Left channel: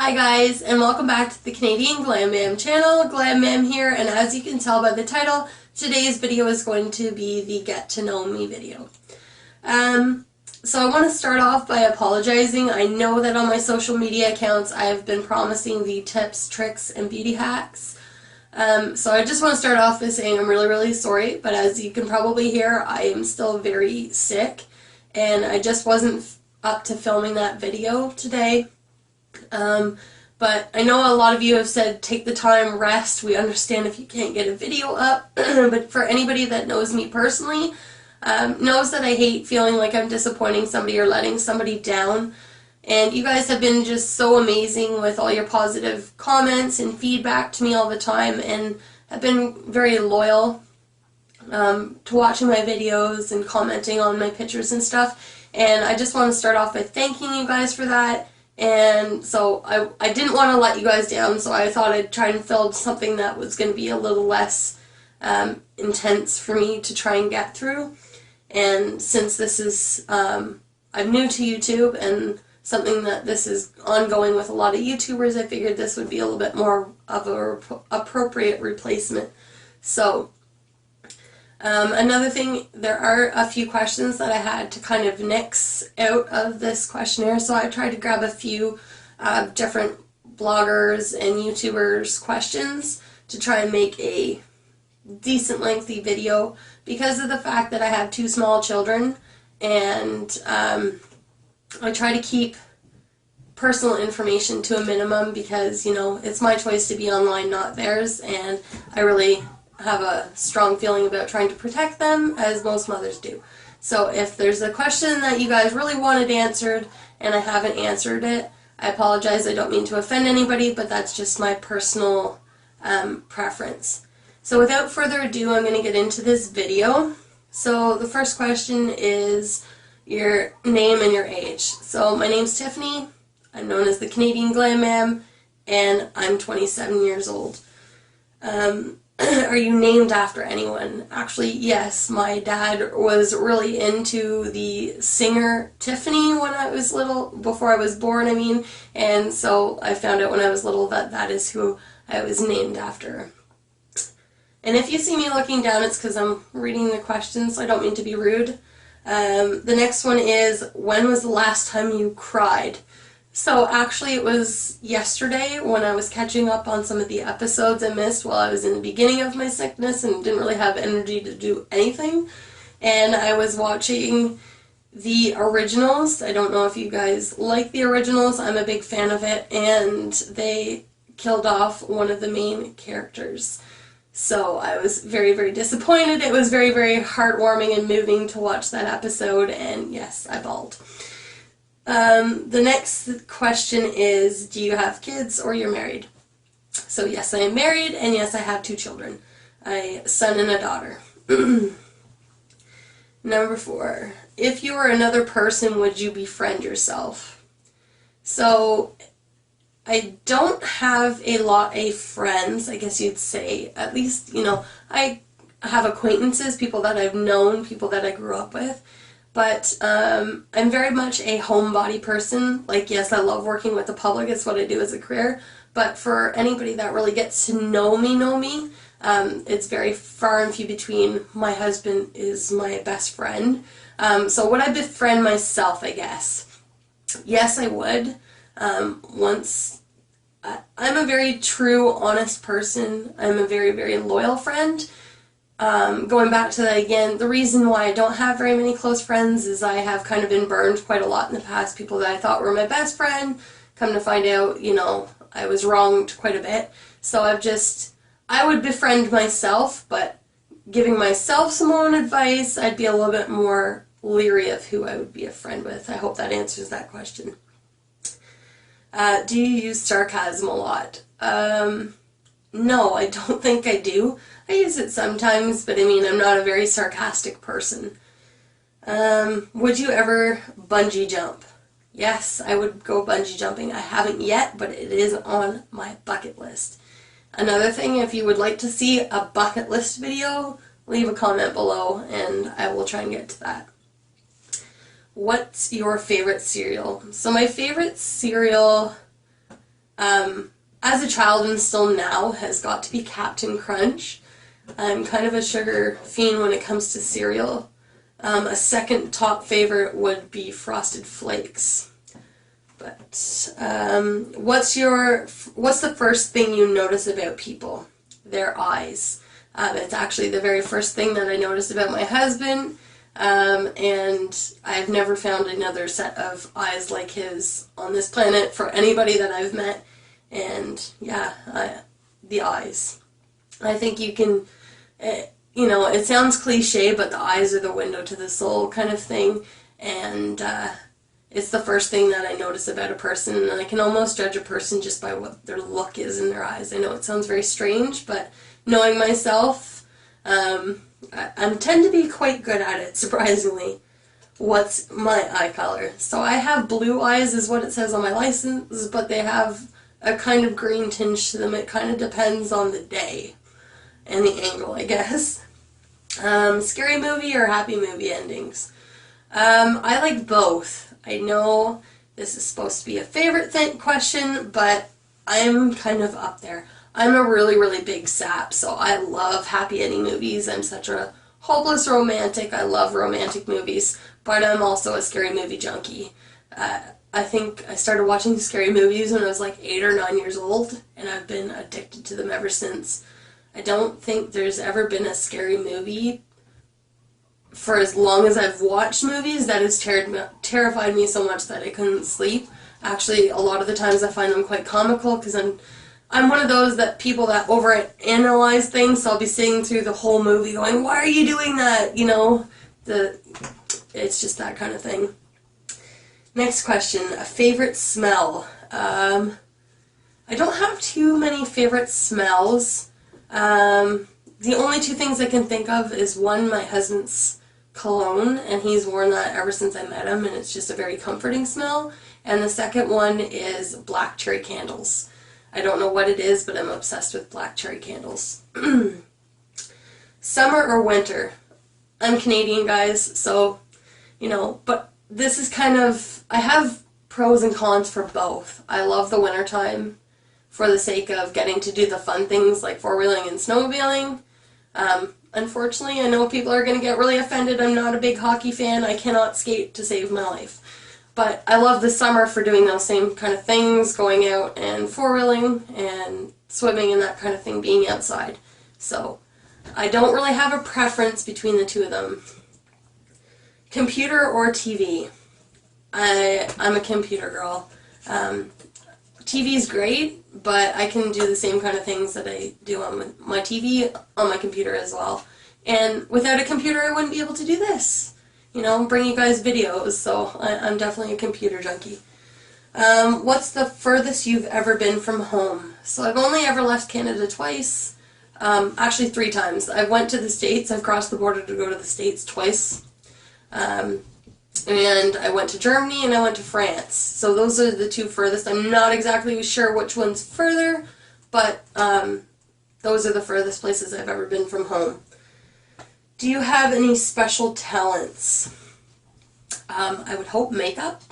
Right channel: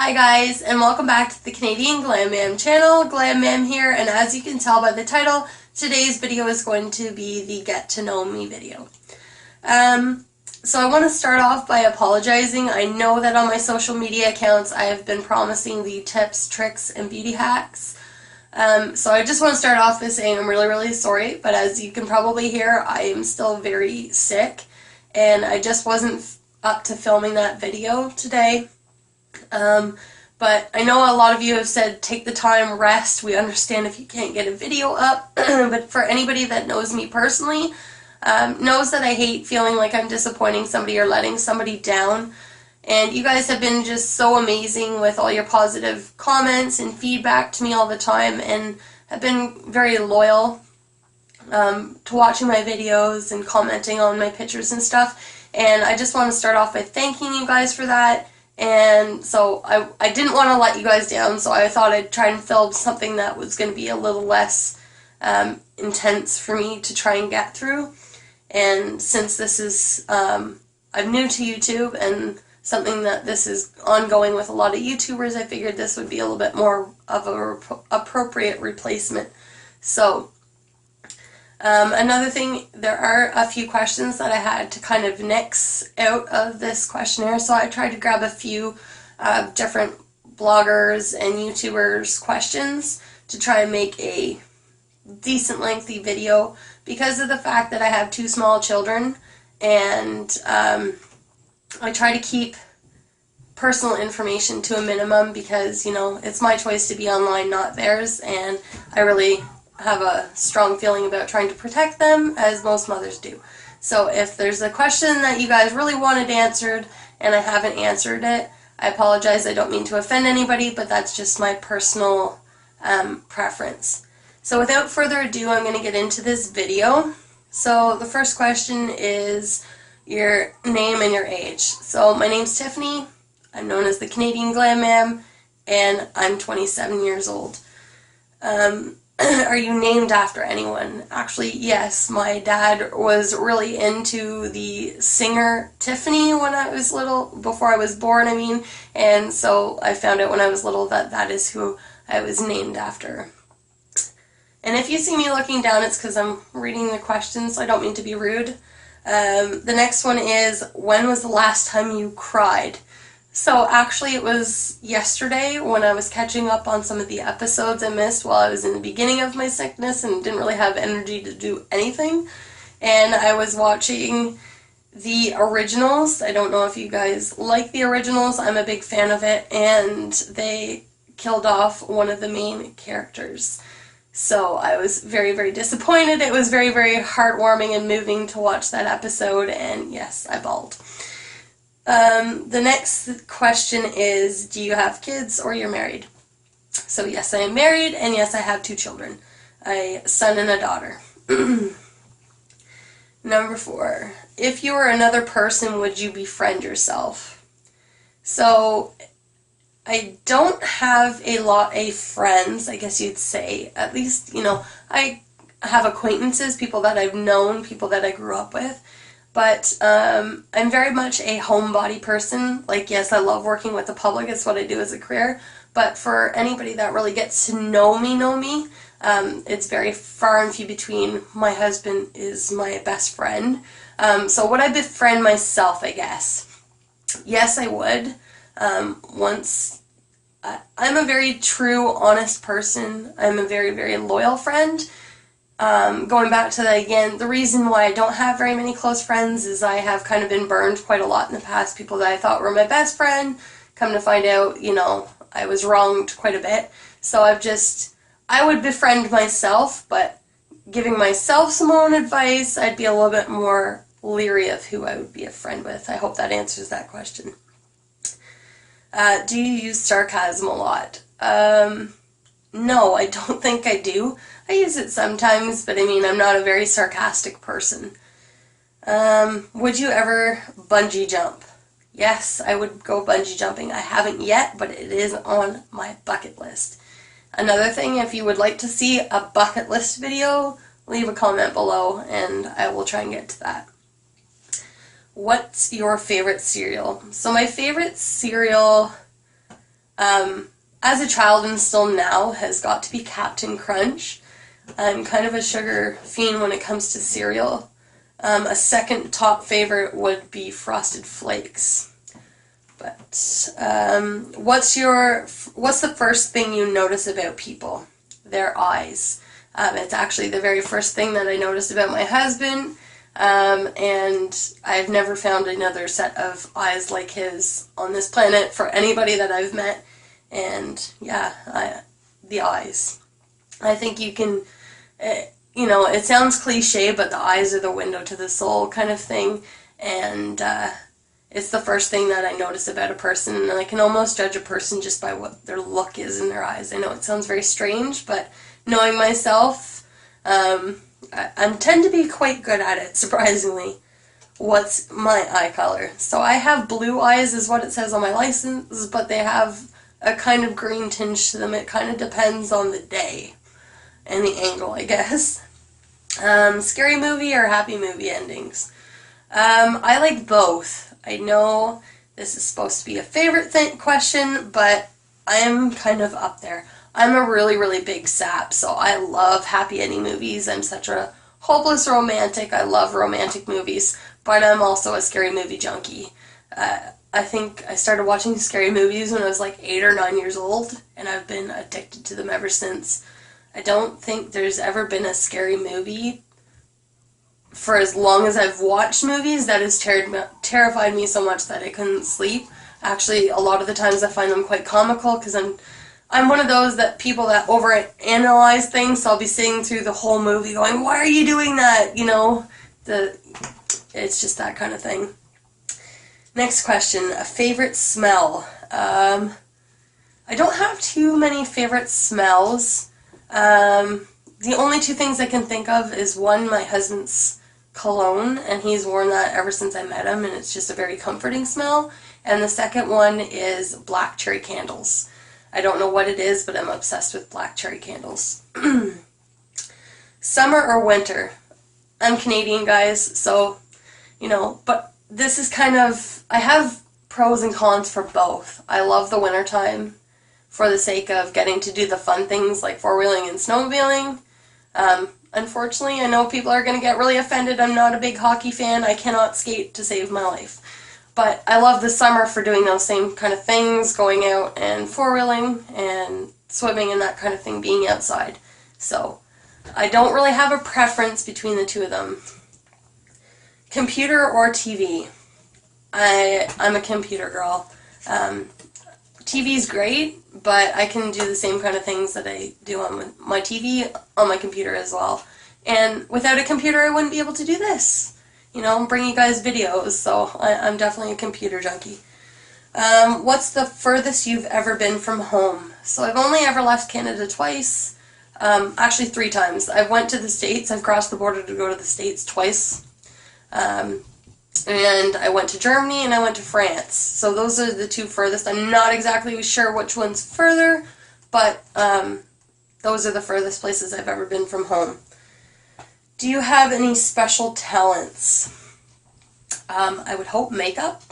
Hi guys, and welcome back to the Canadian Glam channel. Glam here, and as you can tell by the title, today's video is going to be the Get to Know Me video. So I want to start off by apologizing. I know that on my social media accounts I have been promising the tips, tricks, and beauty hacks. So I just want to start off by saying I'm really sorry, but as you can probably hear, I am still very sick, and I just wasn't up to filming that video today. But I know a lot of you have said take the time, rest. We understand if you can't get a video up, but for anybody that knows me personally, knows that I hate feeling like I'm disappointing somebody or letting somebody down. And you guys have been just so amazing with all your positive comments and feedback to me all the time, and have been very loyal to watching my videos and commenting on my pictures and stuff. And I just want to start off by thanking you guys for that. And so I didn't want to let you guys down, so I thought I'd try and film something that was going to be a little less intense for me to try and get through. And since this is, I'm new to YouTube and something that this is ongoing with a lot of YouTubers, I figured this would be a little bit more of a appropriate replacement. So another thing, there are a few questions that I had to kind of nix out of this questionnaire, so I tried to grab a few different bloggers and YouTubers questions to try and make a decent lengthy video because of the fact that I have two small children, and I try to keep personal information to a minimum because, you know, it's my choice to be online, not theirs, and I really have a strong feeling about trying to protect them, as most mothers do. So if there's a question that you guys really wanted answered and I haven't answered it, I apologize. I don't mean to offend anybody, but that's just my personal preference. So without further ado, I'm going to get into this video. So the first question is your name and your age. So my name's Tiffany. I'm known as the Canadian Glam, and I'm 27 years old. Are you named after anyone? Actually, yes. My dad was really into the singer Tiffany when I was little, before I was born, I mean, and so I found out when I was little that that is who I was named after. And if you see me looking down, it's because I'm reading the questions, so I don't mean to be rude. The next one is, when was the last time you cried? So actually it was yesterday when I was catching up on some of the episodes I missed while I was in the beginning of my sickness and didn't really have energy to do anything. And I was watching the originals. I don't know if you guys like the originals. I'm a big fan of it, and they killed off one of the main characters. So I was very disappointed. It was very heartwarming and moving to watch that episode, and yes, I bawled. The next question is, do you have kids or you're married? So yes, I am married, and yes, I have two children, a son and a daughter. Number 4, if you were another person, would you befriend yourself? So I don't have a lot of friends, I guess you'd say. At least, you know, I have acquaintances, people that I've known, people that I grew up with. But I'm very much a homebody person. Like, yes, I love working with the public. It's what I do as a career. But for anybody that really gets to know me, it's very far and few between. My husband is my best friend. So would I befriend myself, I guess? Yes, I would. I'm a very true, honest person. I'm a very loyal friend. Going back to that again, the reason why I don't have very many close friends is I have kind of been burned quite a lot in the past. People that I thought were my best friend, come to find out, you know, I was wronged quite a bit. So I would befriend myself, but giving myself some own advice, I'd be a little bit more leery of who I would be a friend with. I hope that answers that question. Do you use sarcasm a lot? No, I don't think I do. I use it sometimes, but I mean, I'm not a very sarcastic person. Would you ever bungee jump? Yes, I would go bungee jumping. I haven't yet, but it is on my bucket list. Another thing, if you would like to see a bucket list video, leave a comment below and I will try and get to that. What's your favorite cereal? So my favorite cereal As a child and still now has got to be Captain Crunch. I'm kind of a sugar fiend when it comes to cereal. A second top favorite would be Frosted Flakes. But what's the first thing you notice about people? Their eyes. It's actually the very first thing that I noticed about my husband, and I've never found another set of eyes like his on this planet for anybody that I've met. And yeah, the eyes. I think you can, it sounds cliche, but the eyes are the window to the soul kind of thing, and it's the first thing that I notice about a person, and I can almost judge a person just by what their look is in their eyes. I know it sounds very strange, but knowing myself, I tend to be quite good at it, surprisingly. What's my eye color? So I have blue eyes is what it says on my license, but they have a kind of green tinge to them. It kind of depends on the day and the angle, I guess. Scary movie or happy movie endings? I like both. I know this is supposed to be a favorite question, but I am kind of up there. I'm a really, really big sap, so I love happy ending movies. I'm such a hopeless romantic. I love romantic movies, but I'm also a scary movie junkie. I think I started watching scary movies when I was like 8 or 9 years old, and I've been addicted to them ever since. I don't think there's ever been a scary movie for as long as I've watched movies that has terrified me so much that I couldn't sleep. Actually, a lot of the times I find them quite comical because I'm one of those people that overanalyze things, so I'll be sitting through the whole movie going, why are you doing that? It's just that kind of thing. Next question, a favorite smell. I don't have too many favorite smells. The only two things I can think of is one, my husband's cologne, and he's worn that ever since I met him, and it's just a very comforting smell. And the second one is black cherry candles. I don't know what it is, but I'm obsessed with black cherry candles. Summer or winter? I'm Canadian, guys, so, but this is kind of, I have pros and cons for both. I love the winter time for the sake of getting to do the fun things like four-wheeling and snowmobiling. Unfortunately, I know people are going to get really offended. I'm not a big hockey fan. I cannot skate to save my life. But I love the summer for doing those same kind of things, going out and four-wheeling and swimming and that kind of thing, being outside. So I don't really have a preference between the two of them. Computer or TV? I'm a computer girl. TV's great, but I can do the same kind of things that I do on my TV on my computer as well. And without a computer, I wouldn't be able to do this. Bring you guys videos, so I'm definitely a computer junkie. What's the furthest you've ever been from home? So I've only ever left Canada twice. Actually 3 times. I went to the States. I've crossed the border to go to the States twice. And I went to Germany and I went to France. So those are the 2 furthest. I'm not exactly sure which one's further, but those are the furthest places I've ever been from home. Do you have any special talents? I would hope makeup.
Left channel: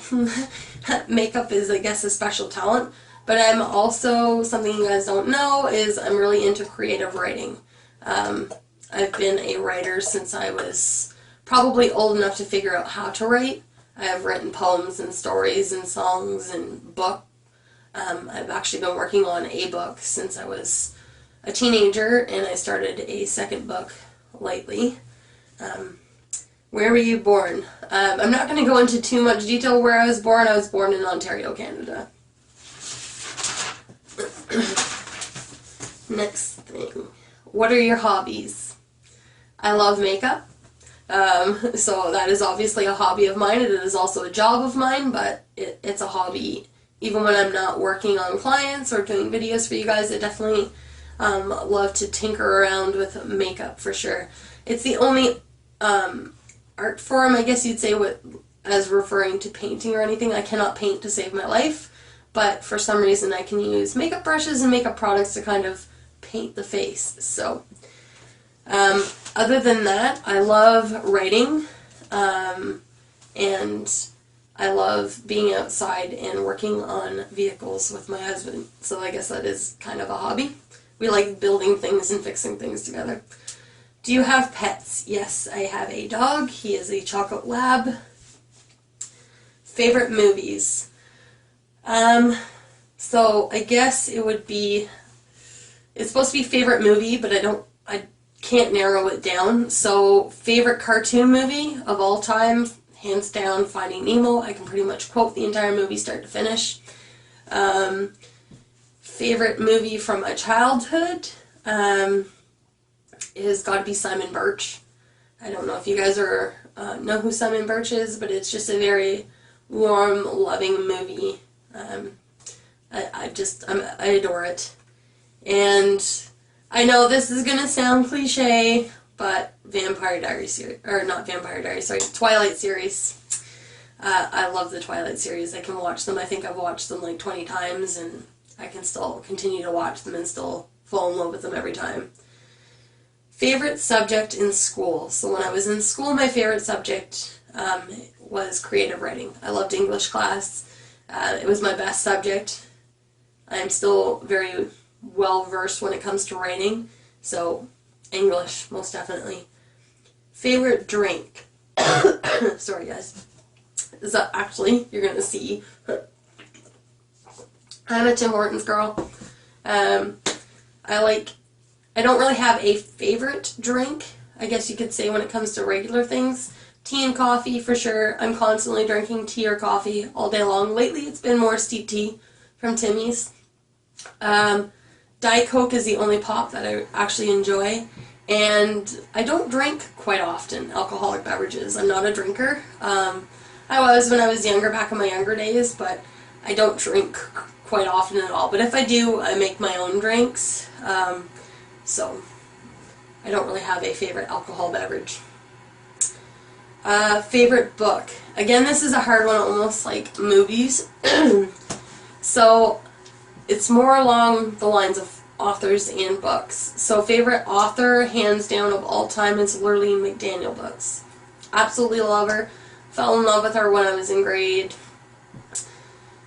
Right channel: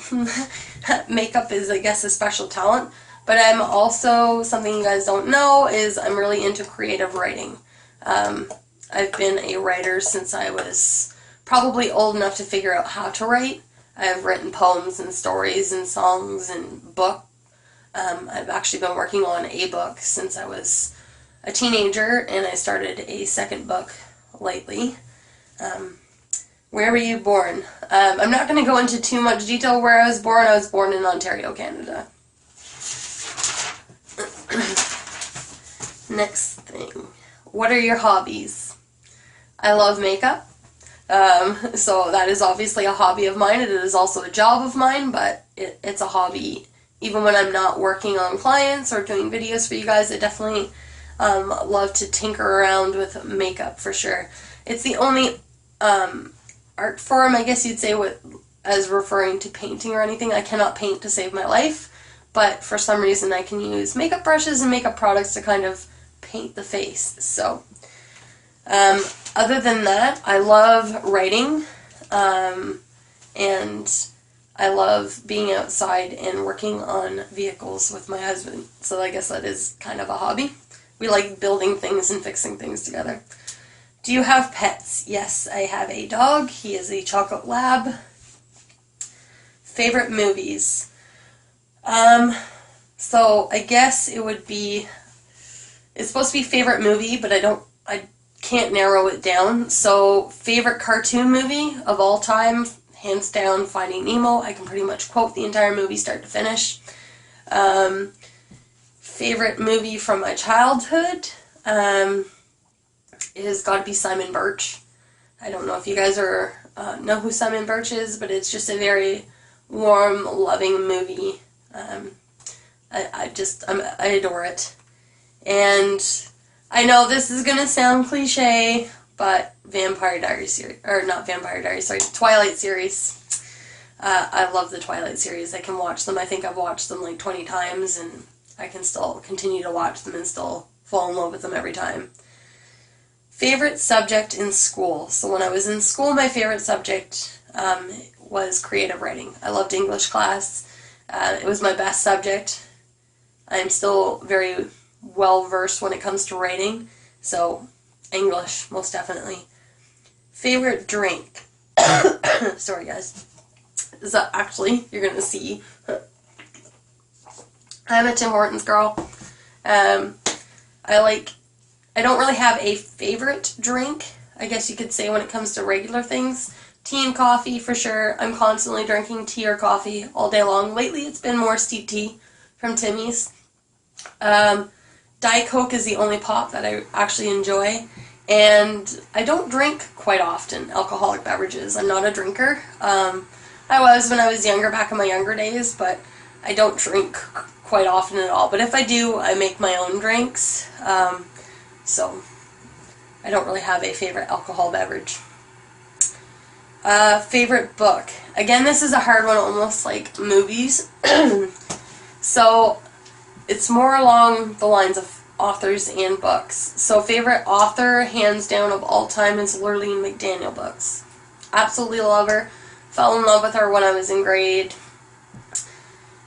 Makeup is, I guess, a special talent. But I'm also, something you guys don't know, is I'm really into creative writing. I've been a writer since I was probably old enough to figure out how to write. I have written poems and stories and songs and book. I've actually been working on a book since I was a teenager, and I started a second book lately. Where were you born? I'm not going to go into too much detail where I was born. I was born in Ontario, Canada. Next thing. What are your hobbies? I love makeup. So that is obviously a hobby of mine. It is also a job of mine, but it's a hobby. Even when I'm not working on clients or doing videos for you guys, I definitely love to tinker around with makeup for sure. It's the only art form, I guess you'd say, as referring to painting or anything. I cannot paint to save my life, but for some reason I can use makeup brushes and makeup products to kind of paint the face. So other than that, I love writing, and I love being outside and working on vehicles with my husband. So I guess that is kind of a hobby. We like building things and fixing things together. Do you have pets? Yes, I have a dog. He is a chocolate lab. Favorite movies? So I guess it would be, it's supposed to be favorite movie, but I can't narrow it down. So favorite cartoon movie of all time, hands down, Finding Nemo. I can pretty much quote the entire movie start to finish. Favorite movie from my childhood is got to be Simon Birch. I don't know if you guys know who Simon Birch is, but it's just a very warm, loving movie. I adore it. And I know this is going to sound cliche, but Vampire Diaries series, or not Vampire Diaries, sorry, Twilight series. I love the Twilight series. I can watch them. I think I've watched them like 20 times, and I can still continue to watch them and still fall in love with them every time. Favorite subject in school. So when I was in school, my favorite subject was creative writing. I loved English class. It was my best subject. I am still very well versed when it comes to writing, so English, most definitely. Favorite drink. Sorry guys. So actually, you're gonna see, I'm a Tim Hortons girl. I don't really have a favorite drink, I guess you could say, when it comes to regular things. Tea and coffee for sure. I'm constantly drinking tea or coffee all day long. Lately it's been more steep tea from Timmy's. Diet Coke is the only pop that I actually enjoy, and I don't drink quite often alcoholic beverages. I'm not a drinker. I was when I was younger, back in my younger days, but I don't drink quite often at all. But if I do, I make my own drinks, so I don't really have a favorite alcohol beverage. Favorite book. Again, this is a hard one, almost like movies. So it's more along the lines of authors and books. So favorite author, hands down, of all time is Lurleen McDaniel books. Absolutely love her. Fell in love with her when I was in grade,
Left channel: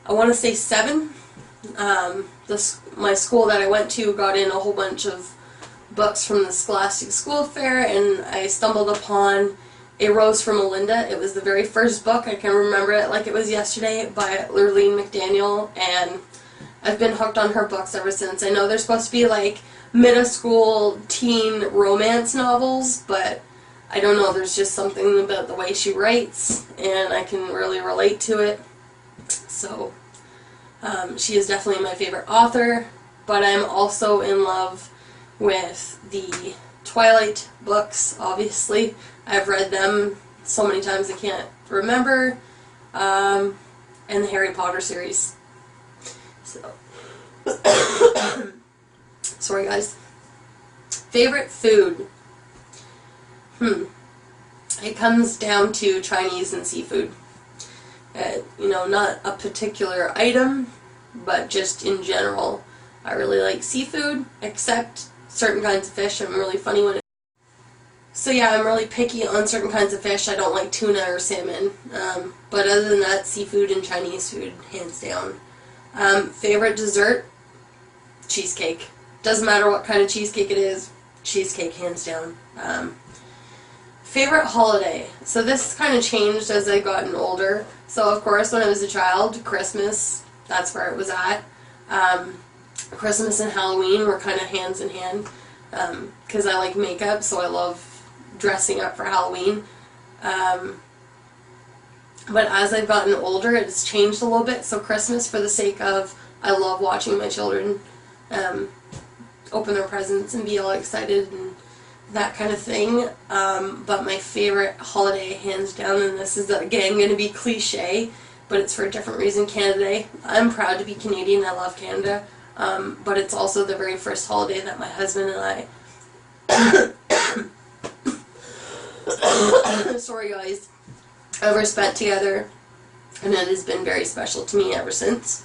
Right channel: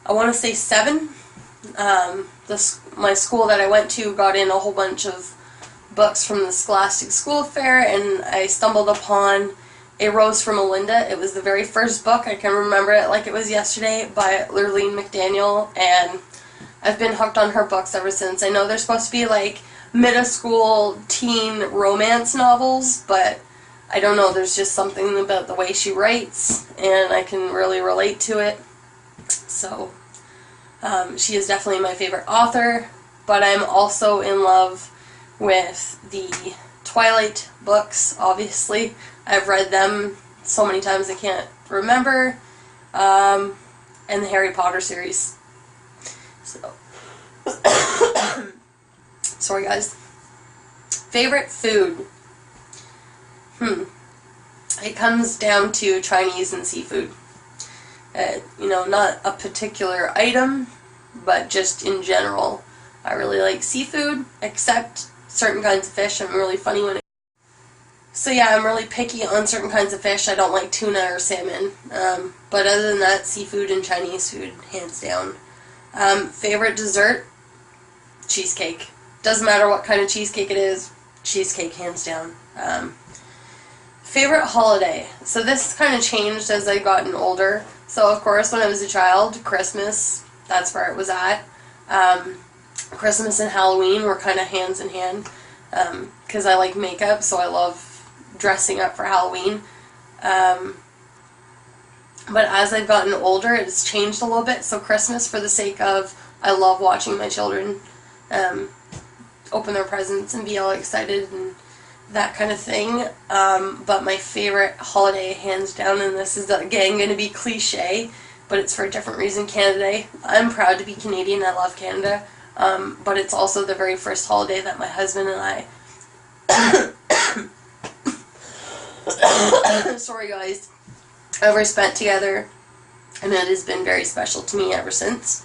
I want to say 7. My school that I went to got in a whole bunch of books from the Scholastic School Fair, and I stumbled upon A Rose for Melinda. It was the very first book. I can remember it like it was yesterday, by Lurleen McDaniel, and I've been hooked on her books ever since. I know they're supposed to be like middle school teen romance novels, but I don't know, there's just something about the way she writes, and I can really relate to it. So she is definitely my favorite author, but I'm also in love with the Twilight books, obviously. I've read them so many times I can't remember, and the Harry Potter series. So, sorry guys. Favorite food. It comes down to Chinese and seafood. Not a particular item, but just in general. I really like seafood, except certain kinds of fish. I'm really funny when it... So yeah, I'm really picky on certain kinds of fish. I don't like tuna or salmon. But other than that, seafood and Chinese food, hands down. Favorite dessert? Cheesecake. Doesn't matter what kind of cheesecake it is, cheesecake, hands down. Favorite holiday. So this kind of changed as I gotten older. So of course when I was a child, Christmas, that's where it was at. Christmas and Halloween were kind of hands in hand, because I like makeup, so I love dressing up for Halloween. But as I've gotten older, it's changed a little bit. So Christmas, for the sake of, I love watching my children open their presents and be all excited and that kind of thing. But my favorite holiday, hands down, and this is again going to be cliche, but it's for a different reason, Canada Day. I'm proud to be Canadian. I love Canada. But it's also the very first holiday that my husband and I sorry guys, ever spent together, and it has been very special to me ever since.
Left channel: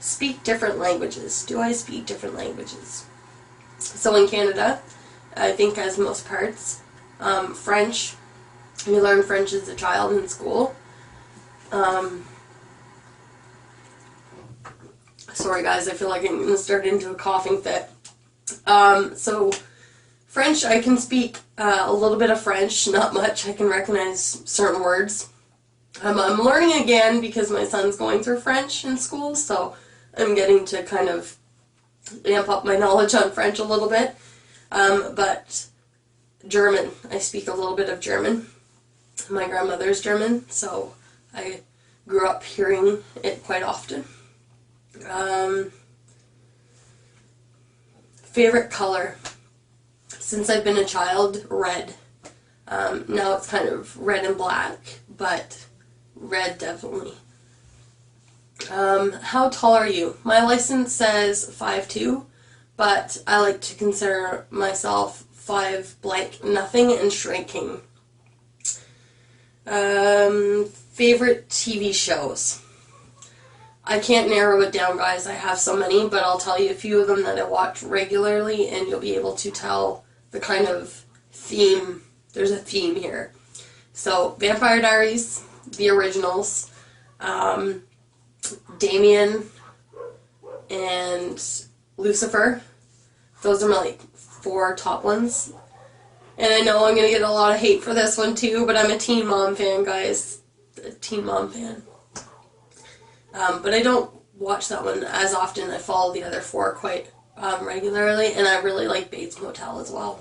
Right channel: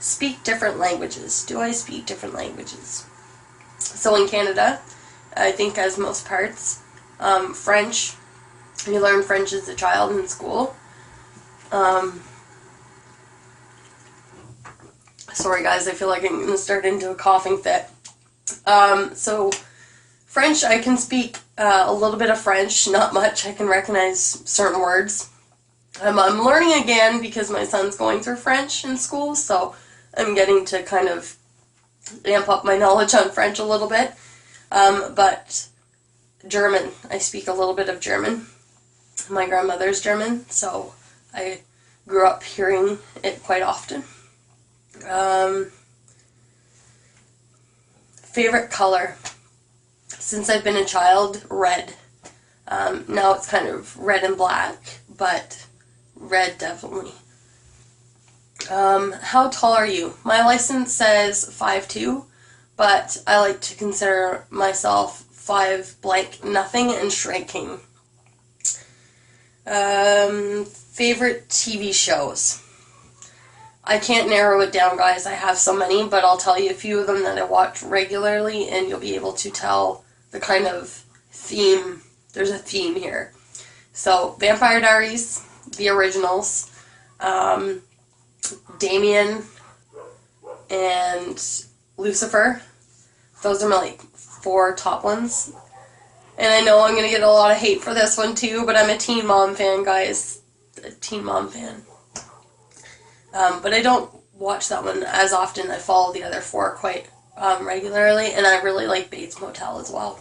Speak different languages. Do I speak different languages? So in Canada, I think as most parts, French, You learn French as a child in school. Sorry guys, I feel like I'm going to start into a coughing fit. So French, I can speak a little bit of French, not much. I can recognize certain words. I'm learning again because my son's going through French in school, so I'm getting to kind of amp up my knowledge on French a little bit. But German, I speak a little bit of German. My grandmother's German, so I grew up hearing it quite often. Favorite color? Since I've been a child, red. Now it's kind of red and black, but red definitely. How tall are you? My license says 5'2", but I like to consider myself 5 blank nothing and shrinking. Favorite TV shows? I can't narrow it down, guys. I have so many, but I'll tell you a few of them that I watch regularly, and you'll be able to tell the kind of theme. There's a theme here. So, Vampire Diaries, the originals, Damien, and Lucifer. Those are my, like, 4 top ones. And I know I'm going to get a lot of hate for this one, too, but I'm a Teen Mom fan, guys. A Teen Mom fan. But I don't watch that one as often. I follow the other 4 quite regularly, and I really like Bates Motel as well.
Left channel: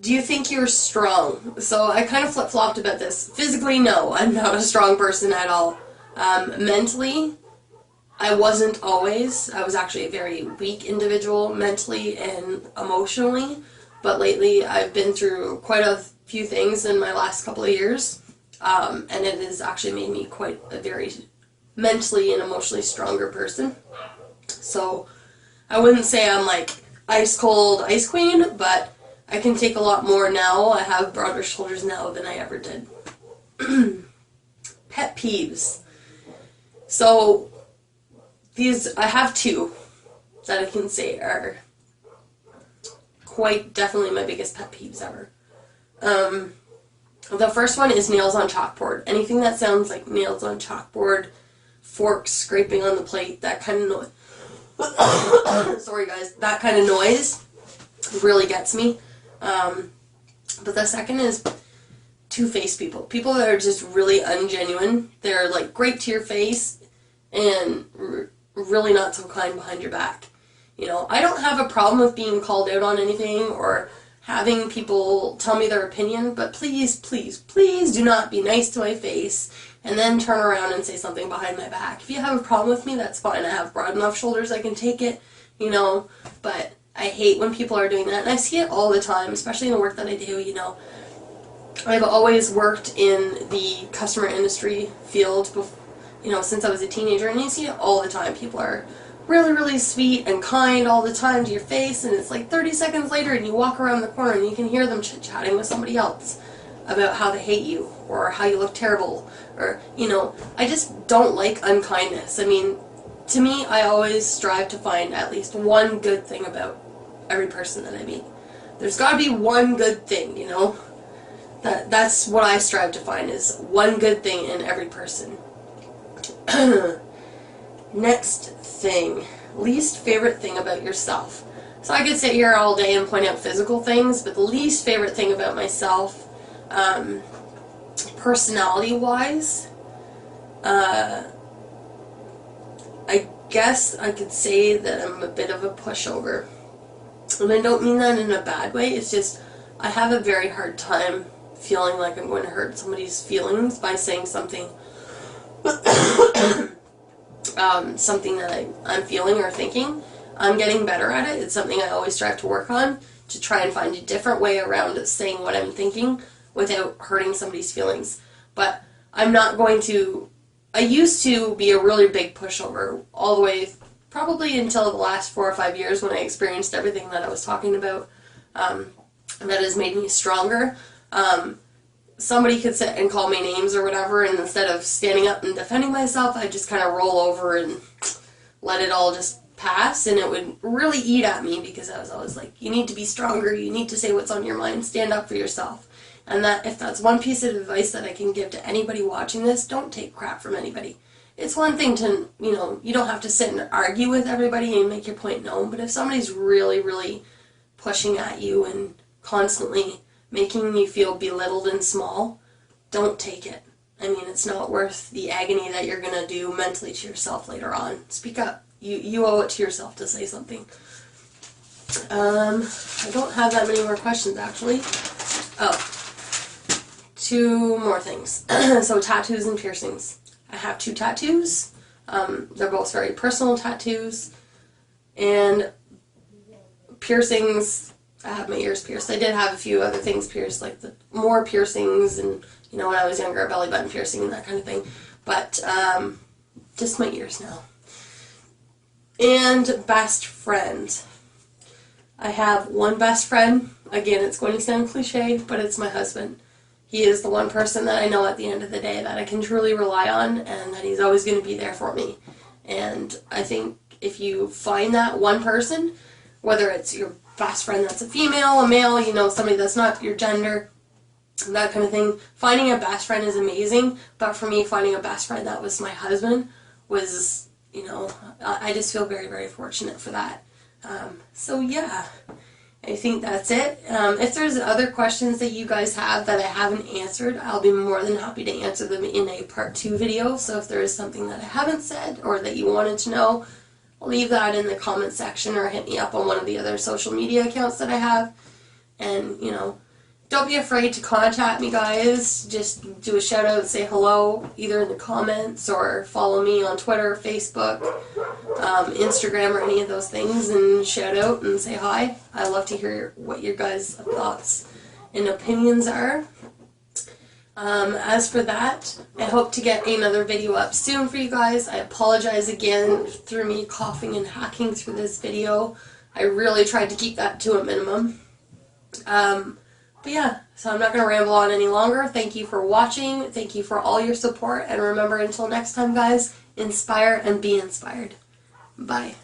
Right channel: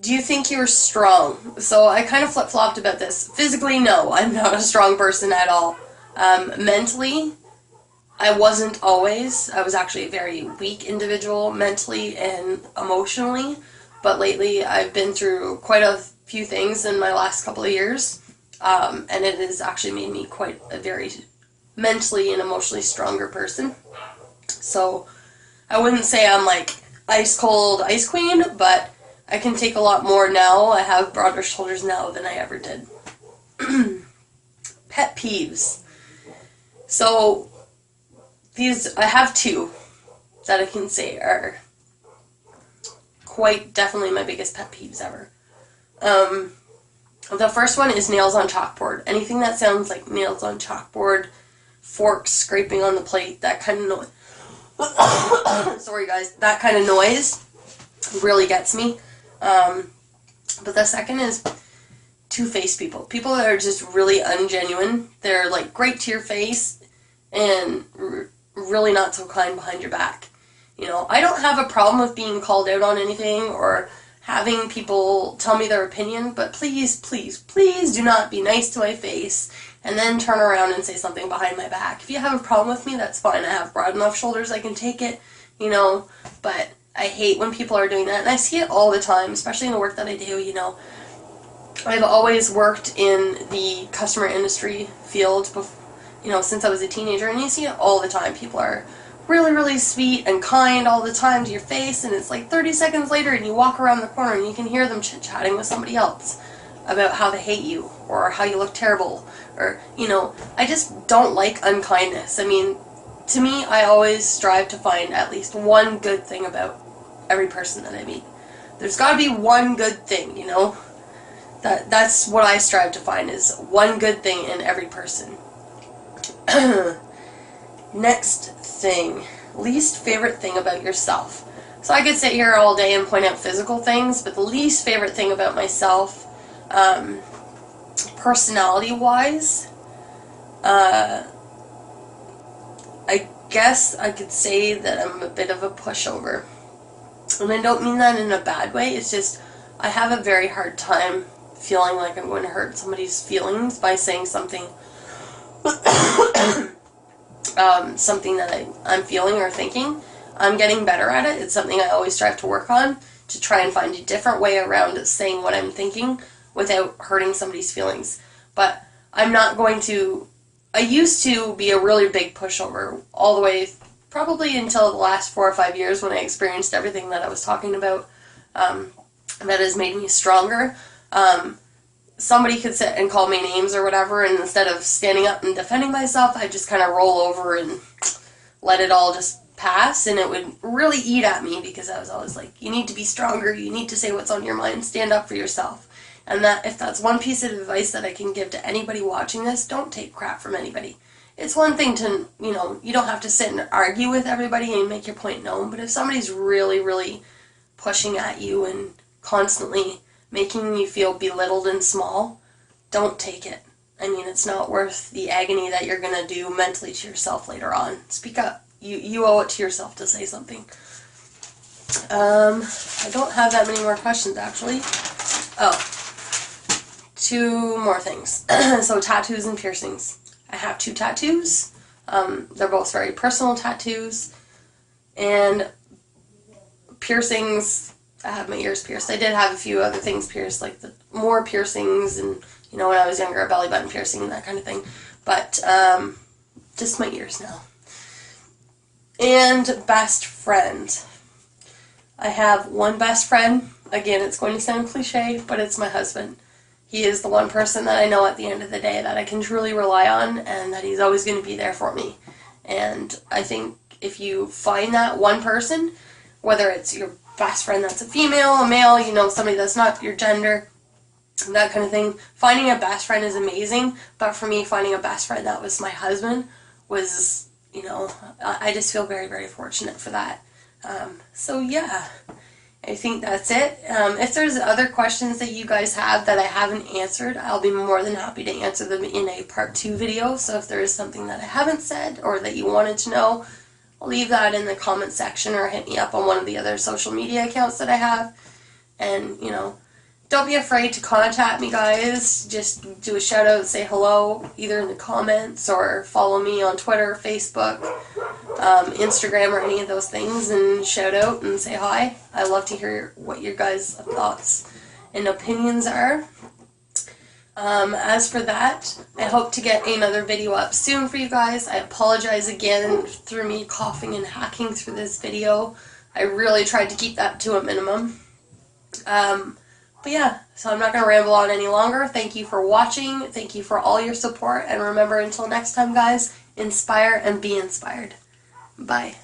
Do you think you're strong? So I kind of flip-flopped about this. Physically, no, I'm not a strong person at all. Mentally, I wasn't always. I was actually a very weak individual mentally and emotionally, but lately I've been through quite a few things in my last couple of years. And it has actually made me quite a very mentally and emotionally stronger person. So I wouldn't say I'm like ice cold ice queen, but I can take a lot more now. I have broader shoulders now than I ever did. Pet peeves. So these, I have 2 that I can say are quite definitely my biggest pet peeves ever. The first one is nails on chalkboard. Anything that sounds like nails on chalkboard, forks scraping on the plate, that kind of noise. Sorry guys, that kind of noise really gets me. But the second is two-faced people. People that are just really ungenuine. They're like great to your face and really not so kind behind your back. You know, I don't have a problem with being called out on anything or having people tell me their opinion, but please, please, please do not be nice to my face and then turn around and say something behind my back. If you have a problem with me, that's fine. I have broad enough shoulders I can take it, you know, but I hate when people are doing that, and I see it all the time, especially in the work that I do, you know. I've always worked in the customer industry field, you know, since I was a teenager, and you see it all the time. People are really, really sweet and kind all the time to your face, and it's like 30 seconds later and you walk around the corner and you can hear them chit-chatting with somebody else about how they hate you or how you look terrible, or, you know, I just don't like unkindness. I mean, to me, I always strive to find at least one good thing about every person that I meet. There's got to be one good thing, you know? That's what I strive to find, is one good thing in every person. Next thing, least favorite thing about yourself. So I could sit here all day and point out physical things, but the least favorite thing about myself, personality-wise, I guess I could say that I'm a bit of a pushover. And I don't mean that in a bad way, it's just I have a very hard time feeling like I'm going to hurt somebody's feelings by saying something something that I'm feeling or thinking. I'm getting better at it. It's something I always strive to work on, to try and find a different way around saying what I'm thinking without hurting somebody's feelings. But I'm not going to... I used to be a really big pushover all the way, probably until the last 4 or 5 years when I experienced everything that I was talking about that has made me stronger. Somebody could sit and call me names or whatever, and instead of standing up and defending myself, I'd just kind of roll over and let it all just pass, and it would really eat at me because I was always like, you need to be stronger, you need to say what's on your mind, stand up for yourself. And that if that's one piece of advice that I can give to anybody watching this, don't take crap from anybody. It's one thing to, you don't have to sit and argue with everybody and make your point known, but if somebody's really, really pushing at you and constantly making you feel belittled and small, don't take it. I mean, it's not worth the agony that you're going to do mentally to yourself later on. Speak up. You owe it to yourself to say something. I don't have that many more questions, actually. Oh, two more things. So tattoos and piercings. I have 2 tattoos. They're both very personal tattoos. And piercings, I have my ears pierced. I did have a few other things pierced, like more piercings and, when I was younger, a belly button piercing, that kind of thing. But just my ears now. And best friend. I have one best friend. Again, it's going to sound cliche, but it's my husband. He is the one person that I know at the end of the day that I can truly rely on, and that he's always going to be there for me. And I think if you find that one person, whether it's your best friend that's a female, a male, somebody that's not your gender, that kind of thing, finding a best friend is amazing. But for me, finding a best friend that was my husband was, I just feel very, very fortunate for that. So yeah, I think that's it. If there's other questions that you guys have that I haven't answered, I'll be more than happy to answer them in a part 2 video. So if there is something that I haven't said or that you wanted to know, leave that in the comment section or hit me up on one of the other social media accounts that I have. And, don't be afraid to contact me, guys. Just do a shout out, say hello, either in the comments or follow me on Twitter, Facebook, Instagram, or any of those things, and shout out and say hi. I love to hear what your guys' thoughts and opinions are. As for that, I hope to get another video up soon for you guys. I apologize again for me coughing and hacking through this video. I really tried to keep that to a minimum. But yeah, so I'm not going to ramble on any longer. Thank you for watching. Thank you for all your support. And remember, until next time, guys, inspire and be inspired. Bye.